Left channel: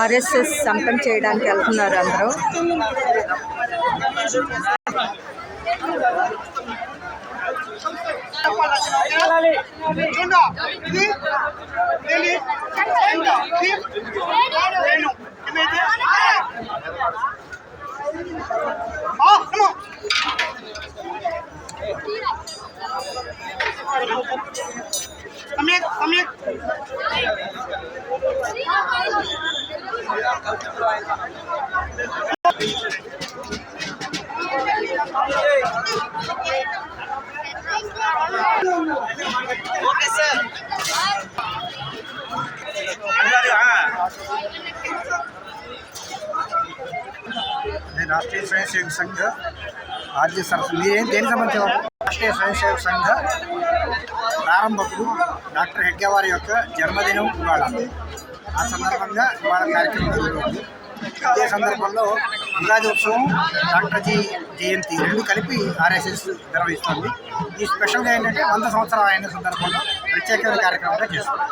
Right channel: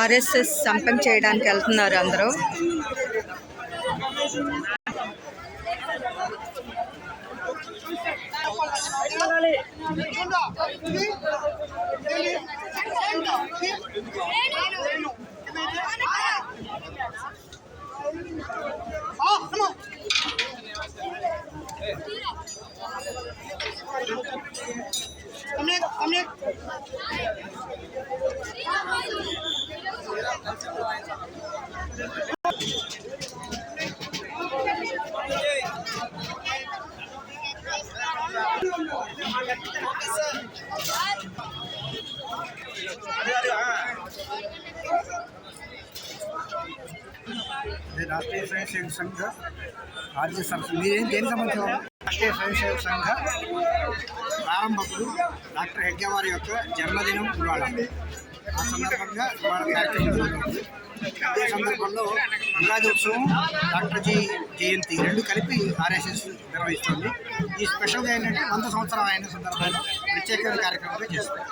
RSS సంపం చేయడానికి వెళ్తున్నారు అందరూ. राष्ट्रीय स्वयंसेवक संघ राज्य देనికి సంబంధించిన రాష్ట్రీయ స్వయంసేవక సంఘ ప్రారంభకుడు డాక్టర్ హెగ్డే వారి యొక్క జన్మదినం ఇవాళ. ఆ సందర్భంగా ఇవాళ కార్యక్రమం జరుగుతుంది. ఇదే సందర్భంలో ఉగాది ఉత్సవం, డాక్టర్ జీ జయంతి రెండు కలిపి ఆర్ఎస్ఎస్ నిర్వహిస్తుంది. ఈ స్పెషల్గా ఏంటంటే 100 సంవత్సరాలు అయిన సందర్భంలో ప్రత్యేకమైన కార్యక్రమంగా చేస్తుంది.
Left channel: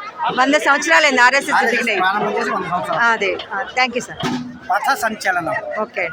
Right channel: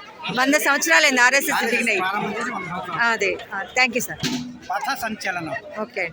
100 సంవత్సరాలు ఆర్ఎస్ఎస్ ప్రారంభం చేసి 100 సంవత్సరాలు. అదే. Thank you sir. పథ సంచలనం. ఓకే.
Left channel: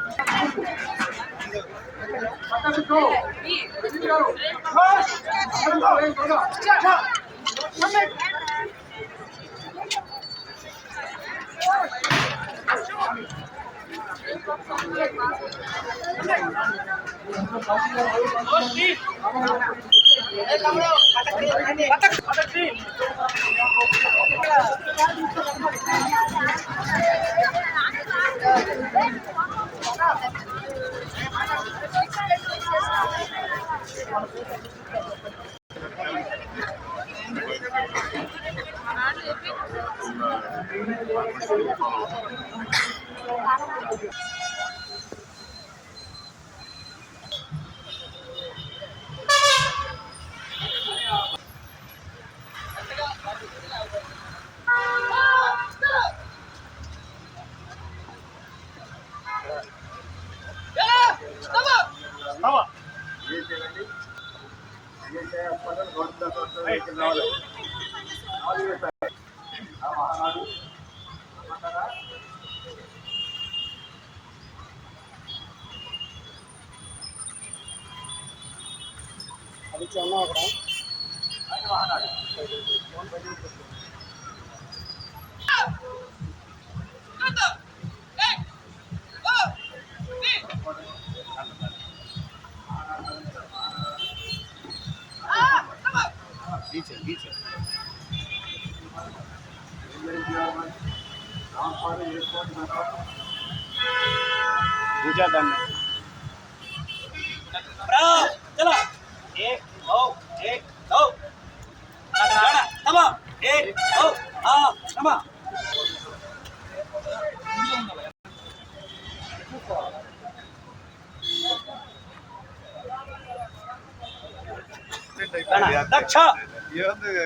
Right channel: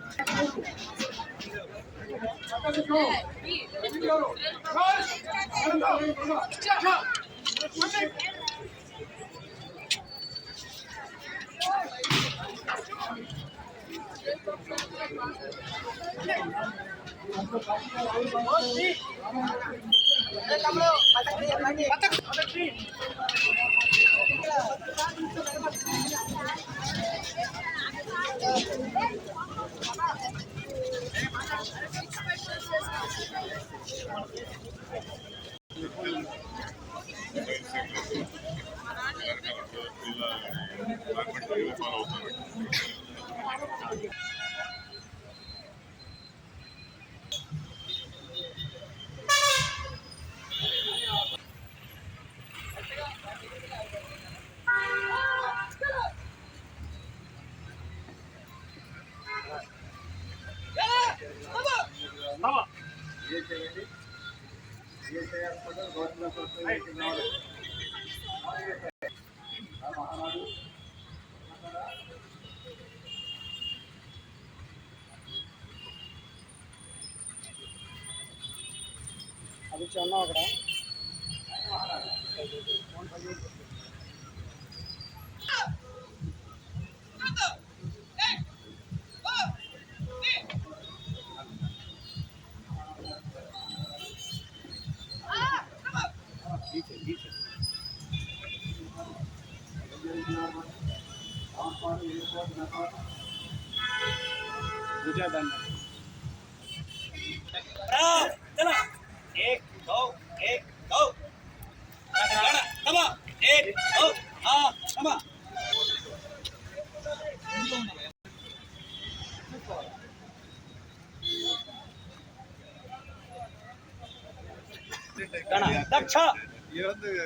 దక్ష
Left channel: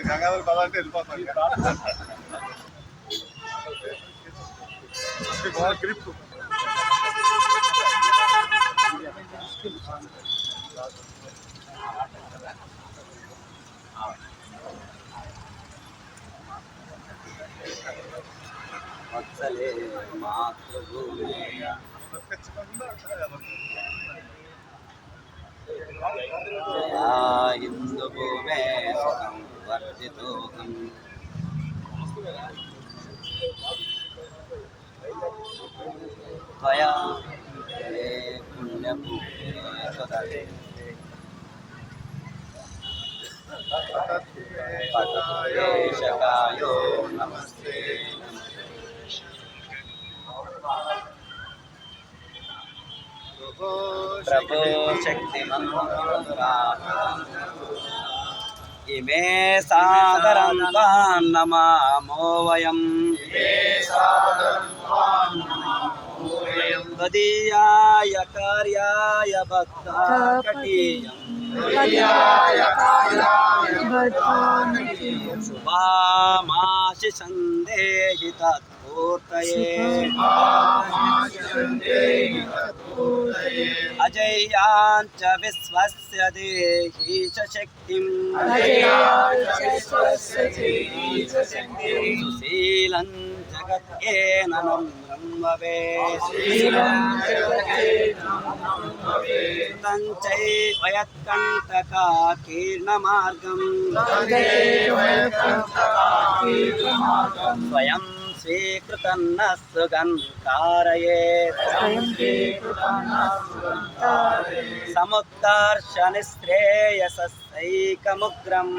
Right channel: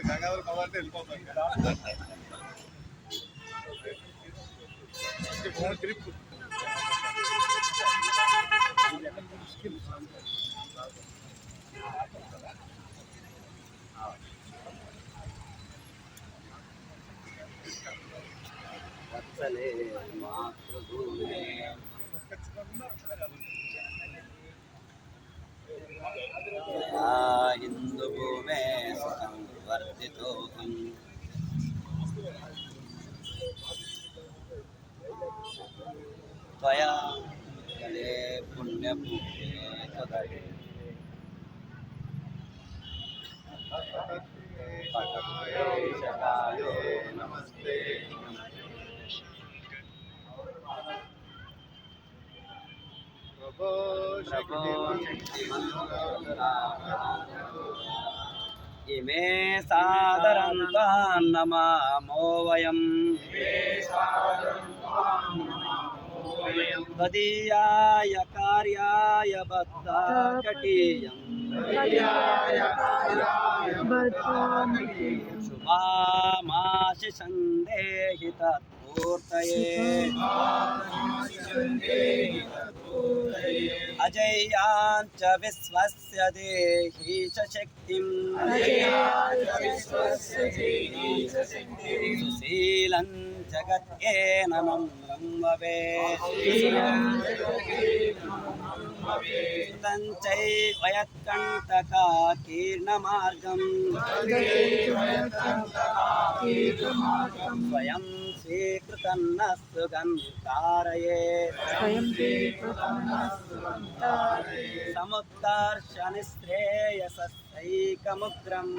గంగాధర పదార్థం వెళ్ళిపోతాం గ్రిప్ వత్సలే మాతృభూమి ఇందు భూమే సుఖం వర్ధితోహం త్వయా పుణ్యభూమి సుదతే పటేశకాయో నమస్తే ప్రభో శక్తిమంతా ఇమే సాదరంతాన్ నమామో వయం తదీయాయ కార్యాయ భక్తాకటీయం శుభామాశి సందేహి తత్పూర్తయే అజై अजयाञ्च विश्वस्य देहि च शक्तिम् सुशीलं जगत्केननं ब्रह्मवेत् तञ्चैव यत्कण्टकाकीर्णमार्गम् स्वयं स्वीकृतन्न सुगन्कारयेत् समुत्कर्ष निःश्रेयसैकमुग्रम्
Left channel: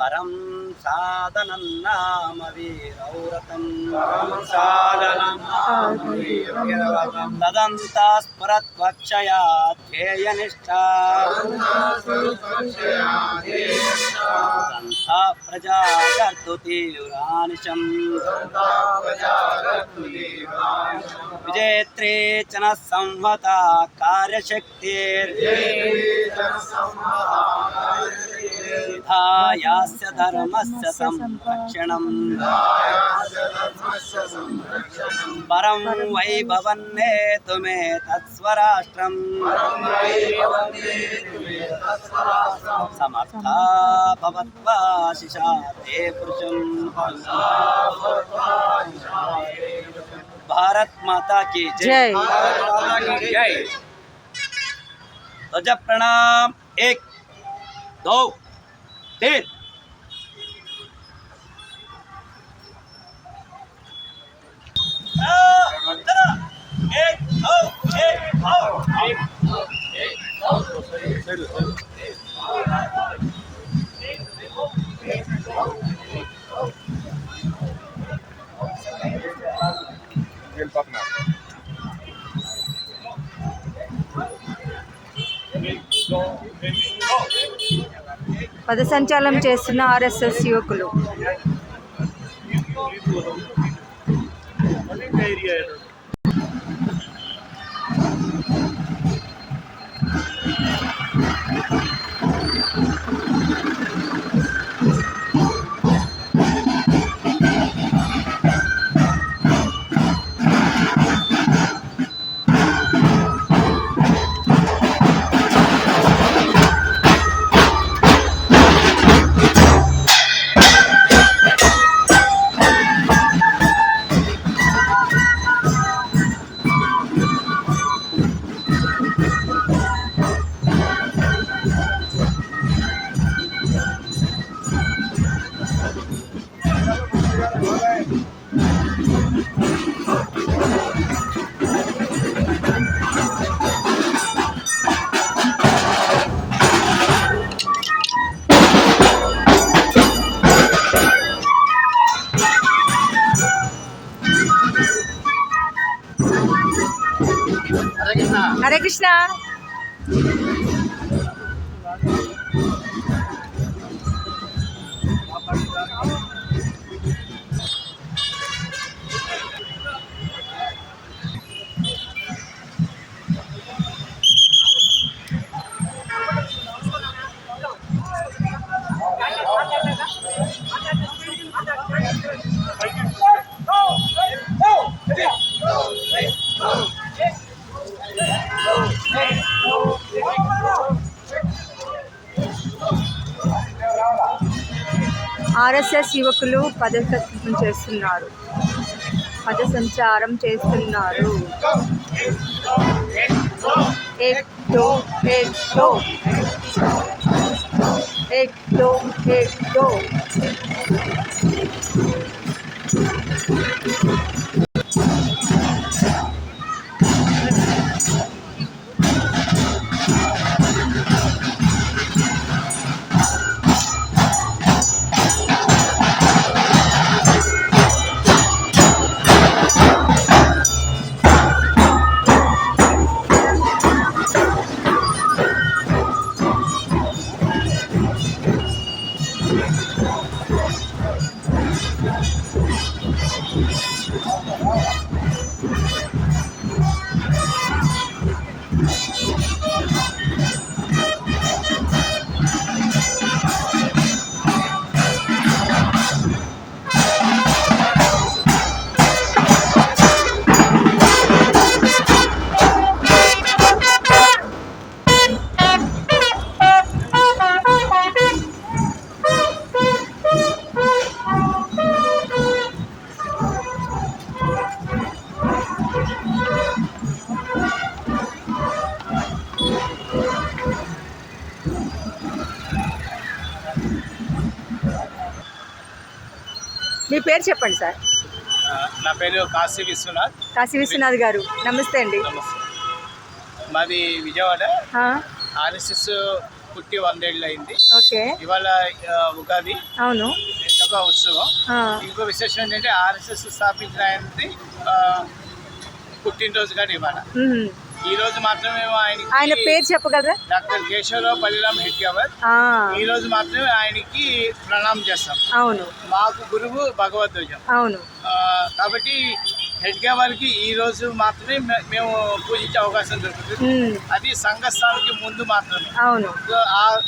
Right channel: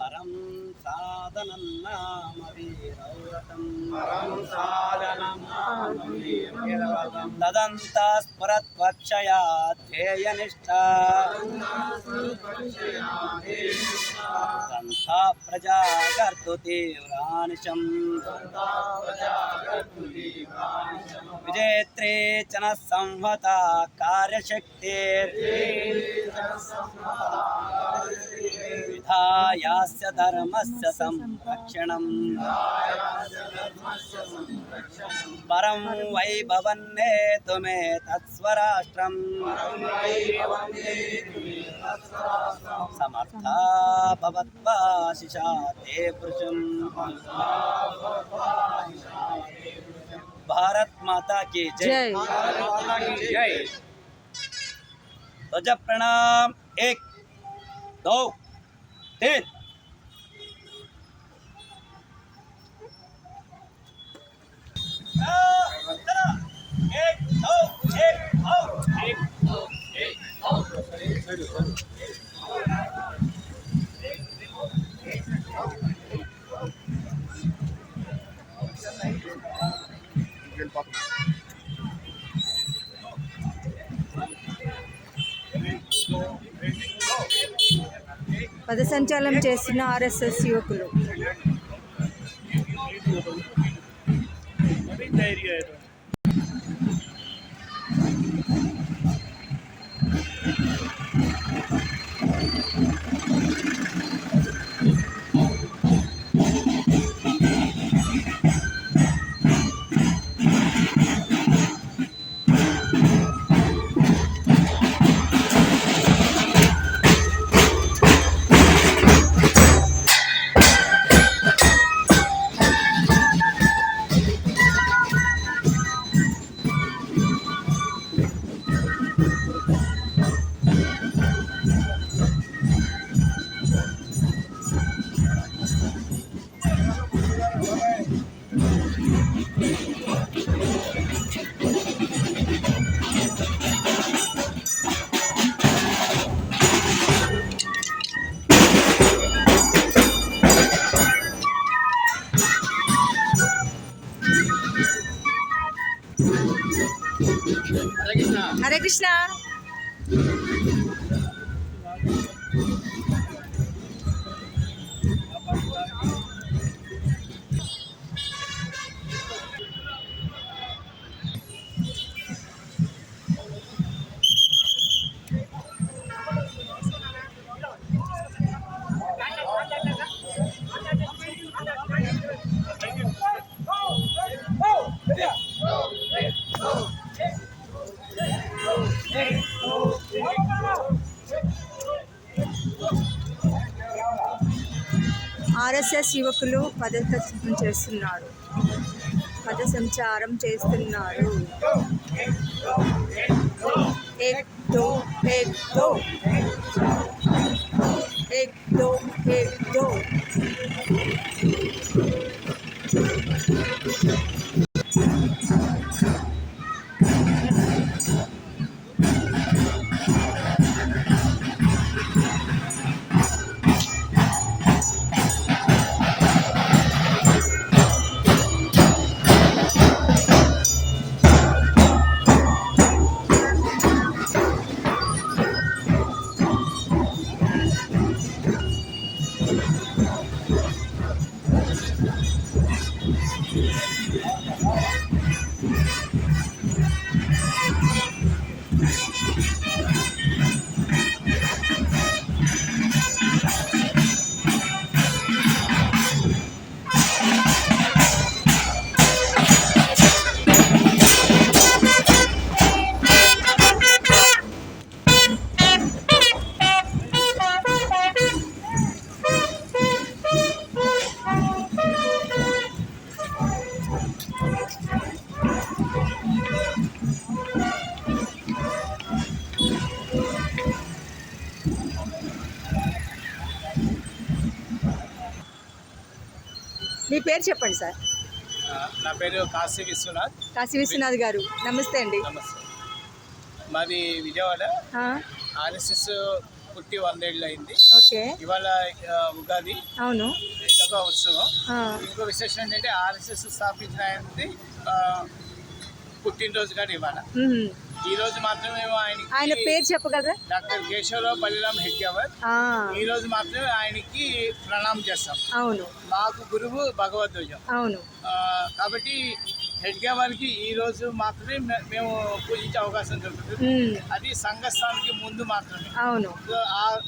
परं साधनं नाम वीरौरतम् तदन्तास्फुरत्वक्षया ध्येयनिष्ठा दन्ता प्रजा कर्तुतीव्रानिशम् विजेत्रे च न संहता कार्यशक्तिर्विधायास्य धर्मस्य संरक्षणम् परं वैभवन्नेतुमेतत्स्वराष्ट्रम् समर्था भवत्वाशिषा ते पुरुषम् भारत माता की जय। ध्वज प्रणाम 1 2 3 పదసంచాలం చేస్తున్న ఆర్ఎస్ఎస్ యువకులు. హరే కృష్ణ. ఆర్ఎస్ఎస్ యువకులు పదసంచారం చేస్తున్నారు. एक दो పేరు చెప్పండి సార్. నా పేరు కాశీ విశ్వనాథ్. కాశీ విశ్వనాథ్ గారు నమస్తే అండి. మాది విజయవాడ. ఆ, ఆర్ఎస్ఎస్ పుట్టి 100 ఏళ్ళు అయింది. ఓకే. ఇవాళ ఉగాది అవును. ఇదొక ఉత్సవం. ఆ, ఇంకో విశేషం ఏంటంటే ఆర్ఎస్ఎస్ స్థాపించిన ఆయనది పుట్టినరోజు కానీ ఇవాళ. మ్మ్. ఈ రోజు మాత్రమే ఆయన పేరు చెప్పగలరా? డాక్టర్ కేశవరావు బలిరామ్ హెడ్గేవర్. ఆ, ఈ రోజు మాత్రమే ఆయనకి ప్రణామం చేస్తాం. అవును మాకు గురువు భగవద్గీత. అవును. కాబట్టి హెడ్గేవర్కి ఈ రోజు మాత్రమే మేము పూజించే అవకాశం దొరుకుతుంది. మ్మ్. అది సంఘస్థానానికి ముందు మాత్రమే. అవును. సో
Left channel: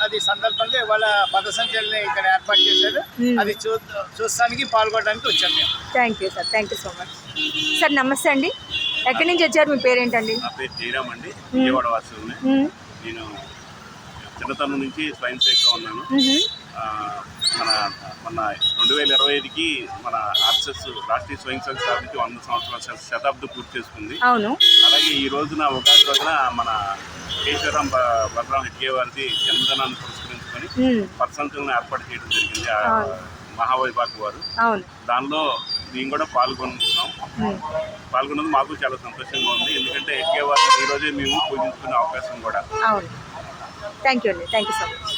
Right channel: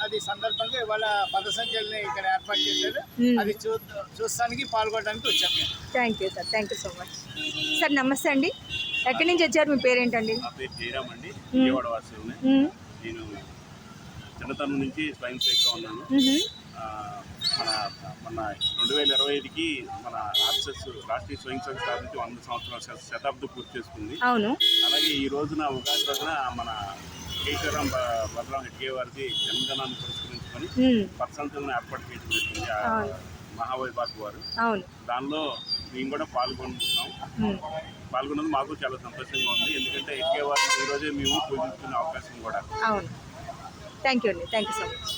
అది సందర్భంగా ఇవాళ పదసంచల్ని ఇక్కడ ఏర్పాటు చేశారు. అది చూస్తానికి పాల్గొనడానికి వచ్చాం మేము. Thank you sir, thank you so much. Sir నమస్తే అండి. ఎక్కడి నుంచి వచ్చారు? మీ పేరేంటండి? నా పేరు జయరామ్ అండి, విజయవాడ వాసుని. మ్మ్. నేను చిన్నతనం నుంచి స్వయం సేవగా ఉన్నాను. మ్మ్. మన 2025కి మన ఆర్ఎస్ఎస్ రాష్ట్రీయ స్వయం సేవక స్థాపించి 100 సంవత్సరాల శతాబ్దం పూర్తి చేసుకుంది. అవును. అలాగే ఈ రోజున ఉగాది రోజున మన కేశవరాం బలరాం హెడ్గేవారిది జన్మదినాన్ని పురస్కరించుకొని మ్మ్. పర్సంతులను ఏర్పాటు చేయడం జరిగింది. అవును. మహావైభాగ్ వారు అవును. దానిలో మేము కూడా పాల్గొంటున్నాం. పాల్గొన్నది మాకు చాలా సంతోషంగా ఉంది. ఎందుకంటే హెడ్గేవారిని ఈరోజే మేము పూజించుకునే అవకాశం కూడా. అవును. థ్యాంక్ యూ అండి, థ్యాంక్ యూ సో మచ్.